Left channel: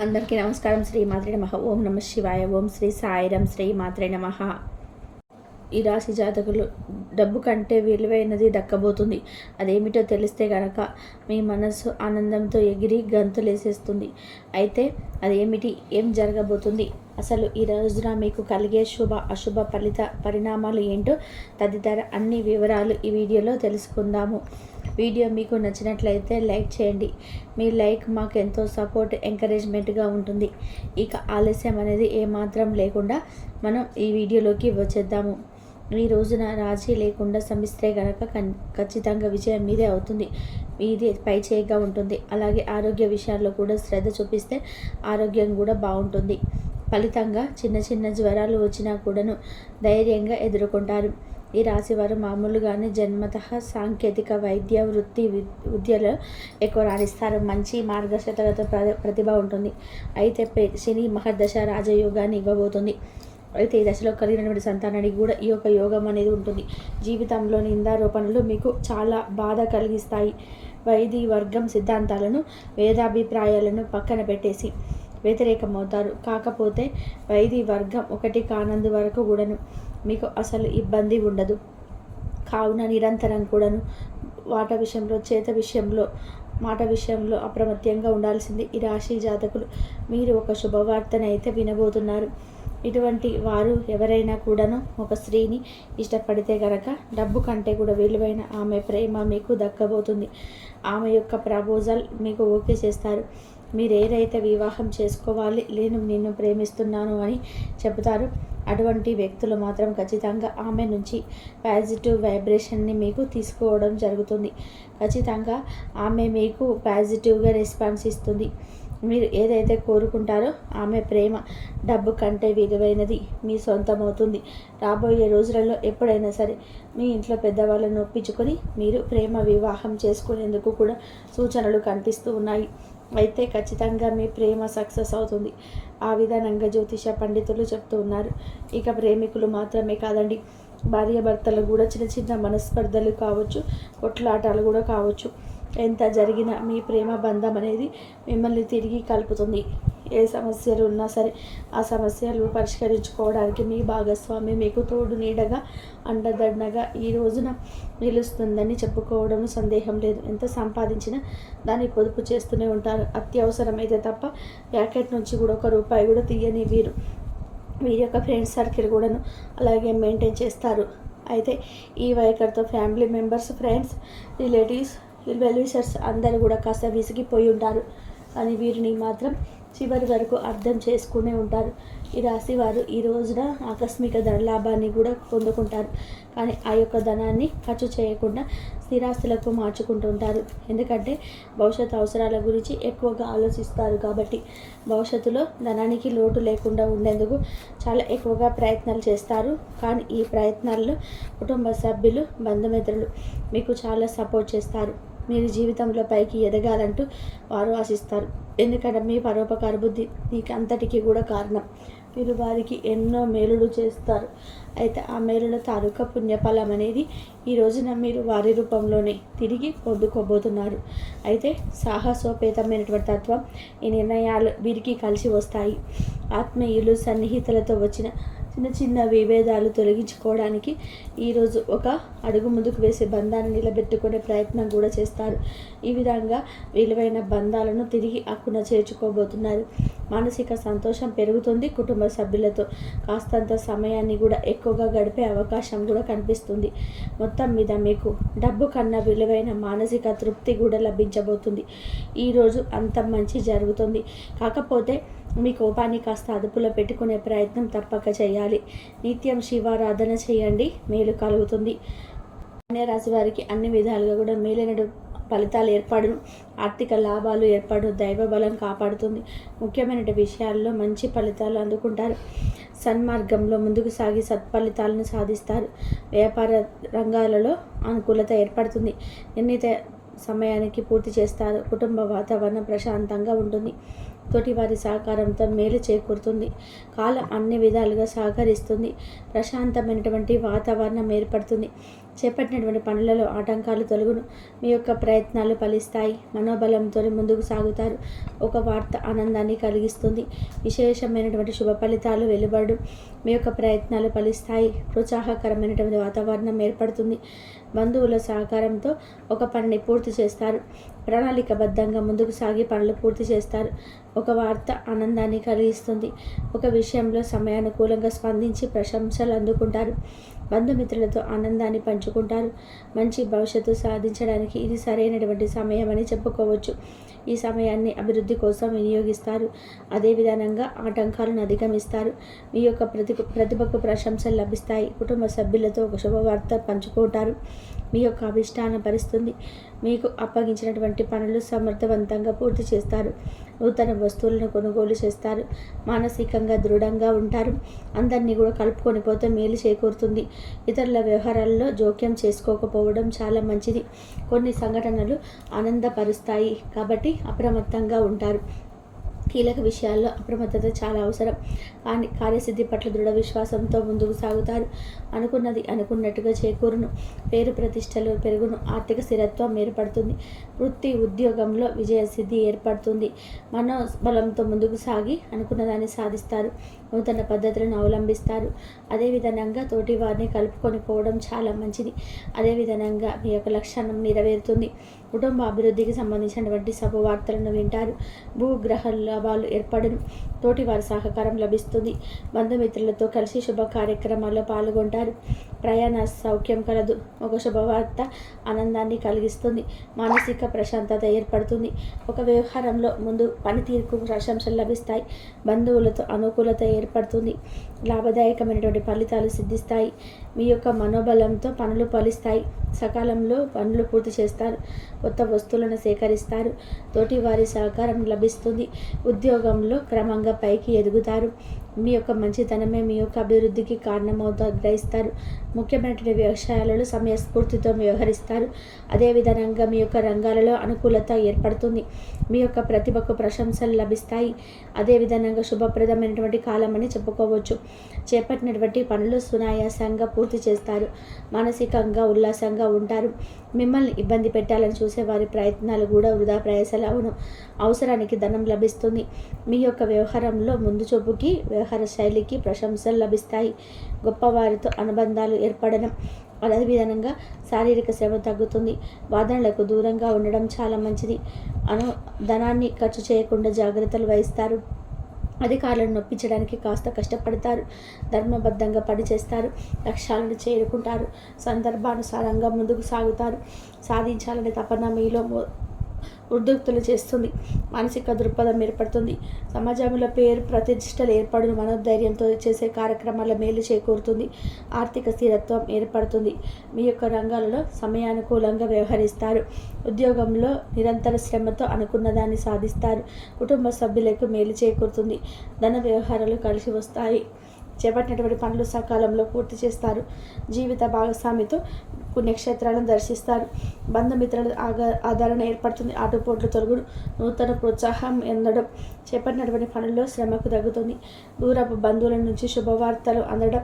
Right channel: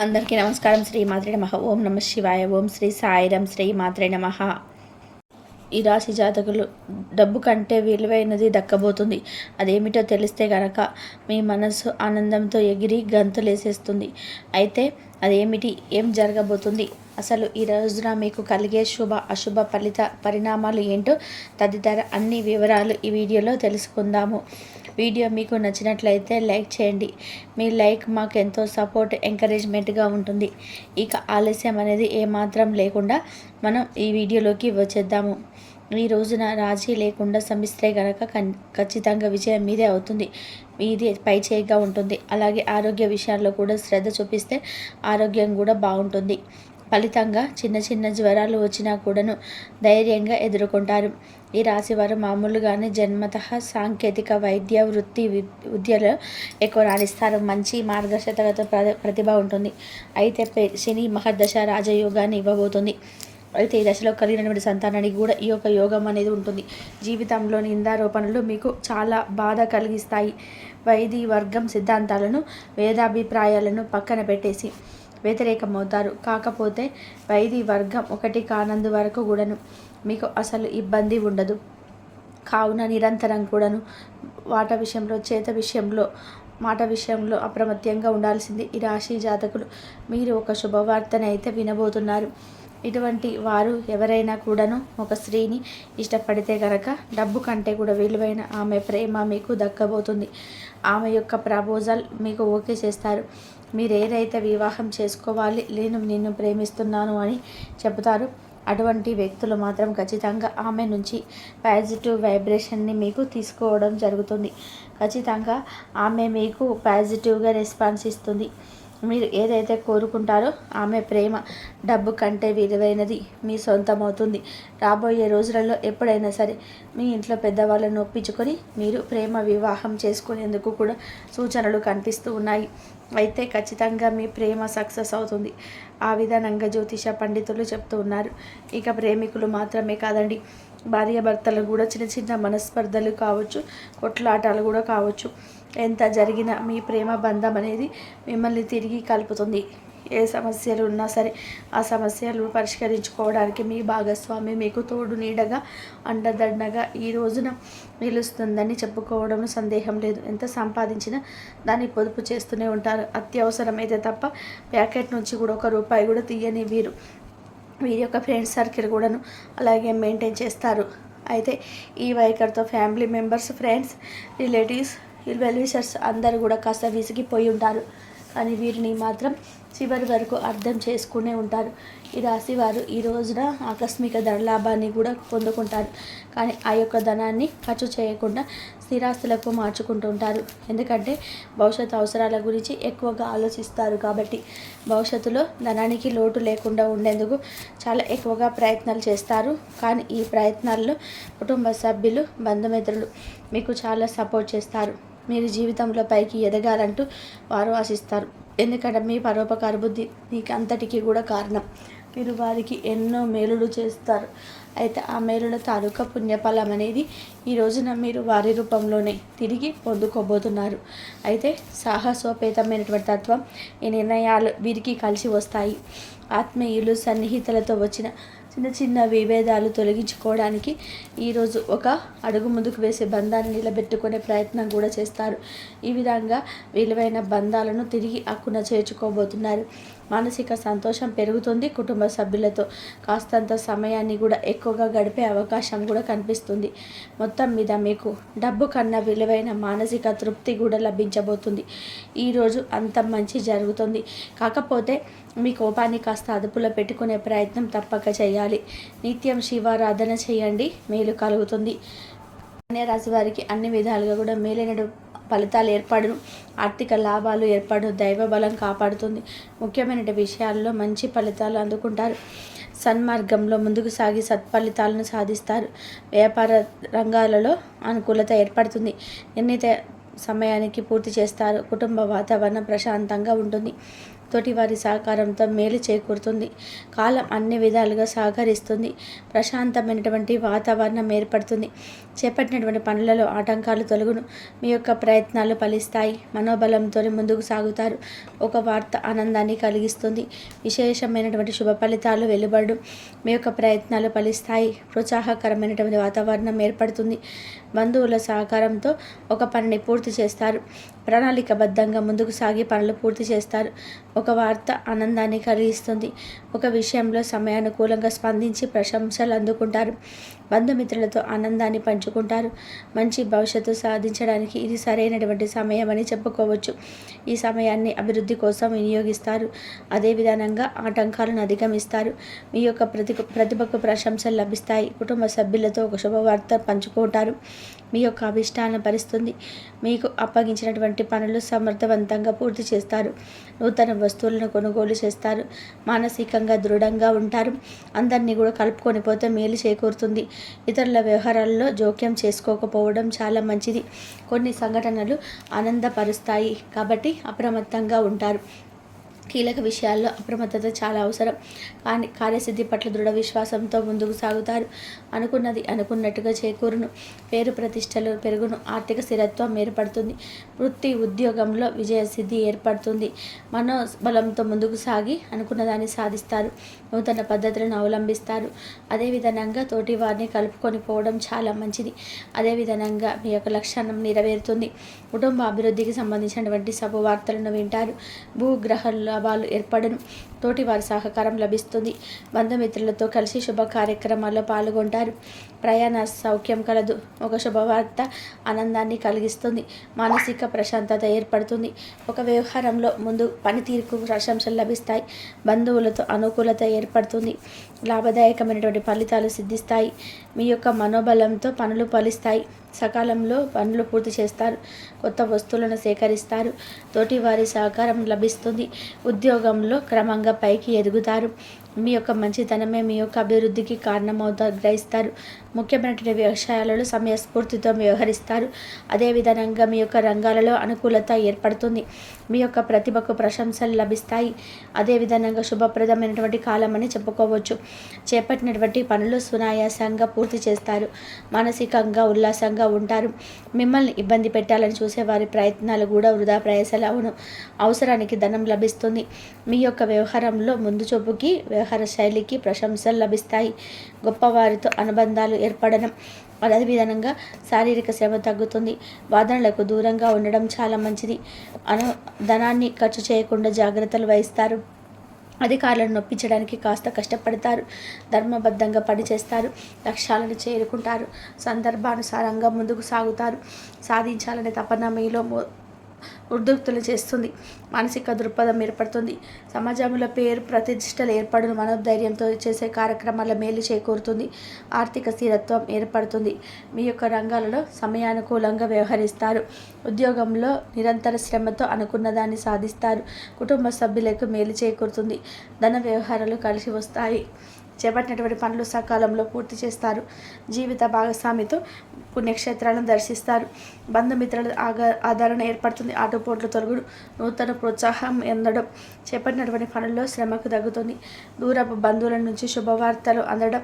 అందరికీ నమస్కారం. శ్రీ మాత్రే నమః. ఓం నమ శివాయ. ఓం శ్రీ సాయిరం. శ్రీ మాత్రే నమః. ఈ రాశి జాతకులు డబ్బు కంటే విలువైనది దక్కబోతుంది. అదేమిటో తెలిస్తే కనుక మీ మనసు ఆనందంతో ఎగిరి గంతులేసేస్తుంది. అయితే అదేమిటి, ఏం జరగబోతుంది, అసలు ఈ రోజున మీకు కలిగే శుభ అశుభ పరిణామాలు ఏంటో తదితర అన్ని వివరాలు ఈ వీడియోలో తెలుసుకుందాము. వీడియో మీకు నచ్చినట్లయితే లైక్ చేయండి. మీ లైక్ మాకు ఎంతో సపోర్ట్, ఎంకరేజ్మెంట్గా ఉంటుంది. ఇక ఆలస్యం అనేది ఏమాత్రం లేకుండా మనం ఈ వీడియోలోకి వచ్చేద్దాము. ఈ రోజున రాజీ లేకుండా శ్రమిస్తే కనుక ఖచ్చితంగా విజయం మీదే అవుతుంది. మీదే పై చేయిగా ఉంటుంది. అలాగే ఆరోగ్య విషయాల్లో కూడా శ్రద్ధ చూపిస్తే ఆరోగ్యం కూడా బాగుంటుంది. ఫలితంగా చిన్న చిన్న జ్వరాలు వచ్చినా కూడాను ధైర్యంగా ఎదుర్కొంటారు. ఈ రాశి వారు మామూలుగానే జన్మతః సాంకేతిక వైద్య వృత్తి విద్యలో ఎక్కువ రాణిస్తారు. మంచి మార్గదర్శకత ప్రతిభ ఉంటుంది. అయితే శని మహర్దశ రాజయోగాన్ని ఇవ్వబోతుంది. అయితే ఈ దశలో కలిగినటువంటి సంతానానికి కూడా ఈ యొక్క యోగం అనేది ఉంటుంది. జీవితంలో నిందారోపణలు మీకు చాలా బాధ కలిగిస్తాయి. వైది వర్గం సిద్ధాంతాలను, వేదాభిప్రాయాలను పక్కన పెట్టేసి వ్యతిరేకమవుతారు. కాకపోతే వైది వర్గం ఒకటి కానందు వరకు కూడాను మీకు అసలు ఇబ్బంది ఉండదు. కావున నిరంతరం కూడాను మాట విషయంలో అప్రమత్తంగా ఉండాల్సింది ఈ రాశి జాతకులు. మీరు ఒక శుభవార్తనైతే వినబోతున్నారు. ఇటువంటి వారు ఎవరైనా కూడాను ఒక స్త్రీని ఇష్టపడితే కనుక డబ్బు కంటే కూడా విలువైన ఆమె ప్రేమ మీకు దక్కబోతుంది. ఆమె యొక్క ప్రపోజల్ మీకు ఓకే చేస్తారు. మీరు ఏదైతే వివాహం చేసుకోవాలి, నేను నిన్ను ప్రేమిస్తున్నాను అని చెబుతారు, అటువంటి వ్యక్తులు మాత్రం ఖచ్చితంగా ఆమె నుంచి పాజిటివ్ వైబ్రేషన్ని మీకు తీసుకోవడం జరుగుతుంది. ఖచ్చితంగా ఆమె మీకు పాజిటివ్గా రెస్పాన్స్ ఇస్తుంది. మీరు ఏదైతే కోరుకుంటారో ఆమె ప్రేమ డబ్బు కంటే విలువైనది మీ సొంతమవుతుంది. రాబోయే రోజులలో ఎప్పుడైనా సరే మీ ఇంట్లో పెద్దవాళ్ళను ఒప్పించుకొని మీరు ప్రేమ వివాహం చేసుకునేందుకు కూడా సూచనలు కనిపిస్తూ ఉన్నాయి. అయితే ఖచ్చితంగా మీ ప్రేమ సక్సెస్ అవుతుంది. ఆ విధానంగా జ్యోతిష పండితులు చెప్తూ ఉన్నారు. ఇక ప్రేమికులు మాత్రమే కాదండి, భార్యాభర్తలు కూడా చిన్న చిన్న మనస్పర్ధలు కావచ్చు, కొట్లాటాలు కూడా కావచ్చు. ఎంత జరిగినా మీ ప్రేమ బంధం అనేది మిమ్మల్ని తిరిగి కలుపుతుంది. ఏ సమస్యలు ఉన్నా సరే ఆ సమస్యలు పరిష్కరించుకోవడానికి మీ భాగస్వామి మీకు తోడు నీడగా అండదండగా ఈ రోజున నిలుస్తుందని చెప్పుకోవడంలో సందేహం లేదు. ఎంత సంపాదించినా దాన్ని పొదుపు చేస్తూనే ఉంటారు. అత్యవసరమైతే తప్ప ప్యాకెట్ నుంచి కూడా ₹1 కూడా తీయని వీరి యొక్క ఫ్రెండ్స్ సర్కిల్ కూడాను అలాగే మెయింటైన్ చేస్తారు. అయితే ఈ వైఖరితో family members, friends, relatives, well-wishers అందరూ కూడా కాస్త విసిగిపోయి ఉంటారు. కానీ వీరిని మాత్రం చివరి వరకు అర్థం చేసుకునే ఉంటారు. ఈ రాశి వారు ఈ రోజున ఆకస్మిక ధనలాభాన్ని కూడా పొందుకుంటారు. కానీ ఆ యొక్క ధనాన్ని ఖర్చు చేయకుండా స్థిరాస్తులకు మార్చుకుంటూ ఉంటారు. ఎందుకంటే భవిష్యత్తు అవసరాల గురించి ఎక్కువగా ఆలోచిస్తారు. కాబట్టి భవిష్యత్తులో ధనానికి లోటు లేకుండా ఉండేందుకు చాలా ఎక్కువగా ప్రయత్నాలు చేస్తారు. కానీ ఈ ప్రయత్నాల్లో కుటుంబ సభ్యులు, బంధుమిత్రులు మీకు చాలా సపోర్ట్ చేస్తారు. మీరు జీవితంలో పైకి ఎదగాలంటూ వారు ఆశిస్తారు. ఎందుకంటే మీ పరోపకార బుద్ధి మీకు అంతటికీ కూడా కారణం. మీరు వారికి ఎన్నో మేలులు చేస్తారు. అయితే ఆ మేలుల తాలూకా పుణ్యఫలం అనేది ఈ రోజున మీరు వారి రూపంలోనే తిరిగి పొందుకోబోతున్నారు. అయితే సాహసోపేతమైనటువంటి తత్వం, ఈ నిర్ణయాలు వీరికి కలిసి వస్తాయి. ఆత్మీయులు, సన్నిహితులతో వచ్చిన చిన్న చిన్న విభేదాలు తొలగించుకోవడానికి ఈరోజు ఒక అడుగు ముందుకు వేసే బంధాన్ని నిలబెట్టుకునే ప్రయత్నం కూడా చేస్తారు. ఈ విధంగా విలువైన బంధాలను తిరిగి అక్కున చేర్చుకోబోతున్నారు. మానసిక సంతోషం పెరుగుతుంది. కుటుంబ సభ్యులతో కాస్తంత సమయాన్ని కూడా ఎక్కువగా గడిపే అవకాశం కూడా కనిపిస్తుంది. మొత్తం మీద మీకు డబ్బు కన్నా విలువైన మానసిక తృప్తి కూడా లభించబోతుంది. ఈరోజు అంత మంచి జరుగుతుంది. కాకపోతే మీ కోపాన్ని కాస్త అదుపులో పెట్టుకునే ప్రయత్నం తప్పక చేయాలి. నిత్యం శివారాధన చేయండి, మేలు కలుగుతుంది. కన్యా రాశి వారికి అన్ని విధాలుగా కూడా మేలైన ఫలితాలు ఏర్పడును. ఆర్థిక లాభాలు ఏర్పడు. దైవ బలం కాపాడుతుంది. ముఖ్యమైన విషయాల్లో మంచి ఫలితాలు అందుకుంటారు. సన్మార్గంలో ముందుకు సాగి సత్ఫలితాలను సాధిస్తారు. వ్యాపార రంగాలలో అనుకూలత ఏర్పడుతుంది. నిర్ణీత సమయానికి పూర్తి చేస్తారు. కుటుంబ వాతావరణం ప్రశాంతంగా ఉంటుంది. తోటివారి సహకారంతో మేలు చేకూరుతుంది. కాలం అన్ని విధాలుగా సహకరిస్తుంది. ప్రశాంతమైనటువంటి వాతావరణం ఏర్పడుతుంది. చేపట్టినటువంటి పనులలో ఆటంకాలు తొలగును. మీ యొక్క ప్రయత్నాలు ఫలిస్తాయి. మనోబలంతో ముందుకు సాగుతారు. ఒక వార్త ఆనందాన్ని కలిగిస్తుంది. విశేషమైనటువంటి శుభ ఫలితాలు వెలువడు. మీ యొక్క ప్రయత్నాలు ఫలిస్తాయి. ప్రోత్సాహకరమైనటువంటి వాతావరణం ఏర్పడుతుంది. బంధువుల సహకారంతో ఒక పనిని పూర్తి చేస్తారు. ప్రణాళికబద్ధంగా ముందుకు సాగి పనులు పూర్తి చేస్తారు. ఒక వార్త ఆనందాన్ని కలిగిస్తుంది. ఒక విషయంలో సమయానుకూలంగా స్పందించి ప్రశంసలు అందుకుంటారు. బంధుమిత్రులతో ఆనందాన్ని పంచుకుంటారు. మంచి భవిష్యత్తు సాధించడానికి ఇది సరైనటువంటి సమయం అని చెప్పుకోవచ్చు. ఈ సమయాన్ని అభివృద్ధి కోసం వినియోగిస్తారు. అదే విధానంగా ఆటంకాలను అధిగమిస్తారు. మీ యొక్క ప్రతిభకు ప్రశంసలు లభిస్తాయి. కుటుంబ సభ్యులతో ఒక శుభవార్త పంచుకుంటారు. మీ యొక్క అభిష్టాలను భరిస్తుంది. మీకు అప్పగించినటువంటి పనులు సమర్థవంతంగా పూర్తి చేస్తారు. నూతన వస్తువులను కొనుగోలు చేస్తారు. మానసికంగా దృఢంగా ఉంటారు. అందరినీ కూడా కలుపుకొని పోతే మేలు చేకూరుతుంది. ఇతరుల వ్యవహారాల్లో జోక్యం చేసుకోకపోవడం చాలా మంచిది. కొన్ని సంఘటనలు ఆనందపరుస్తాయి కాబట్టి అప్రమత్తంగా ఉంటారు. కీలక విషయాల్లో అప్రమత్తత చాలా అవసరం. కానీ కార్యసిద్ధి పట్ల దృఢ విశ్వాసంతో ముందుకు సాగుతారు. అనుకున్నది అనుకున్నట్టుగా చేకూరును. పేరు ప్రతిష్టలు పెరుగును. ఆర్థిక స్థిరత్వం ఏర్పడుతుంది. వృత్తి ఉద్యోగంలో విజయసిద్ధి ఏర్పడుతుంది. మనోబలంతో ముందుకు సాగి అనుకున్న దాన్ని సాధిస్తారు. నూతన పద్ధతులను అవలంబిస్తారు. అదేవిధంగా తోటి వారిని కలుపుకొని పోవడం చాలా మంచిది. అదేవిధంగా మీ యొక్క లక్ష్యం నెరవేరుతుంది. కుటుంబ అభివృద్ధికి సంబంధించినటువంటి శుభవార్తలను వింటారు. భూగ్రహ లాభాలు ఏర్పడను. తోటి వారి సహకారం లభిస్తుంది. బంధుమిత్రులతో కలిసి శుభ కార్యక్రమాల్లో పాల్గొంటారు. ప్రయాణ సౌఖ్యం కలదు. ఒక శుభవార్త ఆనందాన్ని కలిగిస్తుంది. మానసిక ప్రశాంతత ఏర్పడుతుంది. ఒక వ్యవహారంలో ముందు పనితీరుకు ప్రశంసలు లభిస్తాయి. బంధువులతో అనుకూలత ఏర్పడుతుంది. లాభదాయకమైనటువంటి ఫలితాలు సిద్ధిస్తాయి. మీ యొక్క మనోబలంతో పనులు ఫలిస్తాయి. సకాలంలో పనులు పూర్తి చేస్తారు. కొత్త వస్తువులను సేకరిస్తారు. తోటి వారి సహకారం లభిస్తుంది. ఉద్యోగంలో క్రమంగా పైకి ఎదుగుతారు. మీ యొక్క మంచితనమే మీ యొక్క అభివృద్ధికి కారణమవుతారు గ్రహిస్తారు. ముఖ్యమైనటువంటి వ్యవసాయాలలో సమయస్ఫూర్తితో వ్యవహరిస్తారు. అదేవిధంగా మీ యొక్క రంగాలలో అనుకూలత ఏర్పడుతుంది. మీ యొక్క ప్రతిభకు ప్రశంసలు లభిస్తాయి. అదేవిధంగా శుభప్రదమైనటువంటి కాలం అని చెప్పుకోవచ్చు. చేపట్టినటువంటి పనులు సునాయాసంగా పూర్తి చేస్తారు. మానసికంగా ఉల్లాసంగా ఉంటారు. మిమ్మల్ని ఇబ్బంది పెట్టాలని చూసే వారి ప్రయత్నాలు కూడా వృధా ప్రయాసాలు అవును. అవసరానికి ధనం లభిస్తుంది. మీ యొక్క వ్యవహారంలో ముందు చూపుకి వ్యవహార శైలికి ప్రశంసలు లభిస్తాయి. గొప్పవారితో అనుబంధాలు ఏర్పడడం. అదేవిధంగా శారీరక శ్రమ తగ్గుతుంది. వాదనలకు దూరంగా ఉండడం చాలా మంచిది. ధనాన్ని ఖర్చు చేయకుండా జాగ్రత్తలు వహిస్తారు. అధికారులను నొప్పించడానికి కాస్త కష్టపడతారు. ధర్మబద్ధంగా పనిచేస్తారు. లక్ష్యాలను చేరుకుంటారు. సందర్భానుసారంగా ముందుకు సాగుతారు. సాధించాలనే తపన మీలో ఉద్రిక్తులు చేస్తుంది. మానసిక దృక్పథం ఏర్పడుతుంది. సమాజంలో పేరు ప్రతిష్టలు ఏర్పడును. మనోధైర్యంతో చేసే కార్యక్రమాల మేలు చేకూరుతుంది. ఆర్థిక స్థిరత్వం ఏర్పడుతుంది. మీ యొక్క రంగాలలో సమయానుకూలంగా వ్యవహరిస్తారు. ఉద్యోగంలో నిరంతర శ్రమతో అనుకున్న దాన్ని సాధిస్తారు. కుటుంబ సభ్యులకు మేలు చేకూరుతుంది. ధన వ్యవహారాలు కలిసి వస్తాయి. చేపట్టినటువంటి పనులు సకాలంలో పూర్తి చేస్తారు. జీవిత భాగస్వామితో పుణ్యక్షేత్రాలను దర్శిస్తారు. బంధుమిత్రుల ఆదరణ ఏర్పడుతుంది. ఆటుపోట్లు తొలగుడు. నూతన ప్రోత్సాహం అందడం. చేపట్టినటువంటి పనుల్లో శ్రమకు తగ్గుతుంది. దూరపు బంధువుల నుంచి శుభవార్తలు అందడం.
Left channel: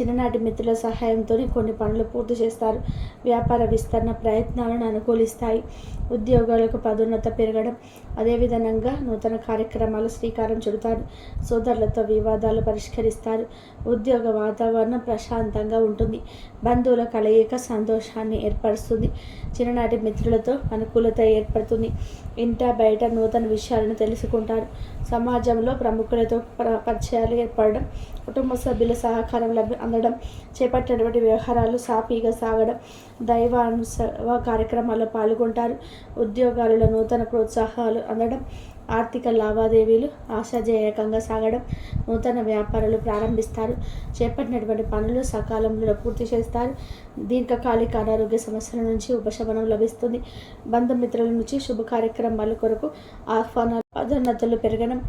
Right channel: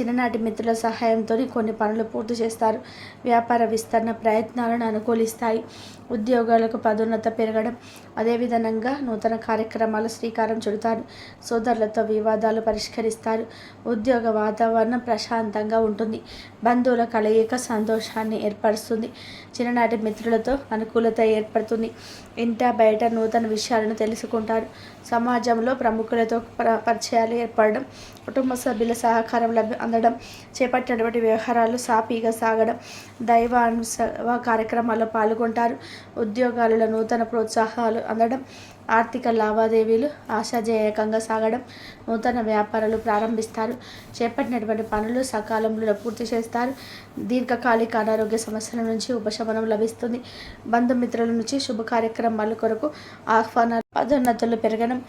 చిన్ననాటి మిత్రుల సహాయంతో కొన్ని పనులు పూర్తి చేస్తారు. వ్యాపార విస్తరణ ప్రయత్నాలను అనుకూలిస్తాయి. ఉద్యోగాలకు పదోన్నత పెరగడం. అదేవిధంగా నూతన కార్యక్రమాలు శ్రీకారం చుడతారు. సోదరులతో వివాదాలు పరిష్కరిస్తారు. ఉద్యోగ వాతావరణం ప్రశాంతంగా ఉంటుంది. బంధువుల కలయిక సంతోషాన్ని ఏర్పరుస్తుంది. చిన్ననాటి మిత్రులతో అనుకూలత ఏర్పడుతుంది. ఇంట బయట నూతన విషయాలను తెలుసుకుంటారు. సమాజంలో ప్రముఖులతో పరిచయాలు ఏర్పడడం. కుటుంబ సభ్యుల సహకారం అందడం. చేపట్టినటువంటి వ్యవహారాలు సాఫీగా సాగడం. దైవానుసవ కార్యక్రమాల్లో పాల్గొంటారు. ఉద్యోగాలలో నూతన ప్రోత్సాహాలు అందడం. ఆర్థిక లావాదేవీలు ఆశాజనకంగా సాగడం. నూతన వ్యాపారాలు ప్రారంభిస్తారు. చేపట్టినటువంటి పనులు సకాలంలో పూర్తి చేస్తారు. దీర్ఘకాలిక అనారోగ్య సమస్యల నుంచి ఉపశమనం లభిస్తుంది. బంధుమిత్రుల నుంచి శుభ కార్యక్రమాల కొరకు ఆహ్వానాలు పదోన్నతులు పెరగడం.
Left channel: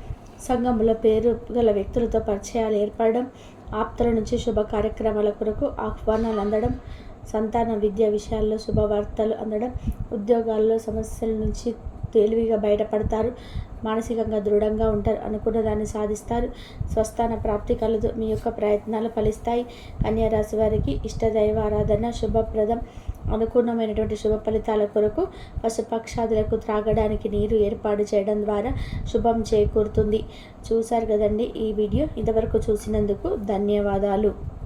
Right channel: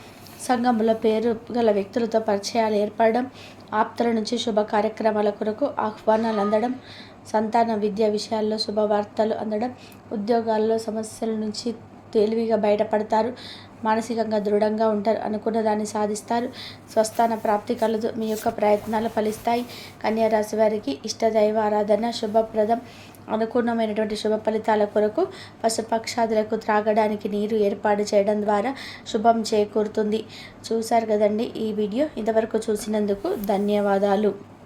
సంఘంలో పేరు గల వ్యక్తులతో పరిచయాలు ఏర్పడడం. ఆప్తుల నుంచి శుభ కార్యక్రమాల కొరకు ఆహ్వానాలు అందడం. సంతాన విద్యా విషయాల్లో శుభవార్తలు అందడం. ఉద్యోగాల్లో సమస్యల నుంచి తేలివిగా బయటపడతారు. మానసికంగా దృఢంగా ఉంటారు. అనుకున్న దాన్ని సాధిస్తారు. స్వస్థాన ప్రాప్తి కలదు. మీ యొక్క ప్రయత్నాలు ఫలిస్తాయి. కన్యా రాశి వారికి ఇష్టదైవ ఆరాధన శుభప్రదం. అనుకూలమైనటువంటి శుభ ఫలితాల కొరకు పశుపక్షాదులకు త్రాగడానికి నీరు ఏర్పాటు చేయడం ద్వారా శుభం చేకూరుతుంది. చూశారు కదండి ఈ వీడియో. ఇంతవరకు చూసినందుకు ధన్యవాదాలు.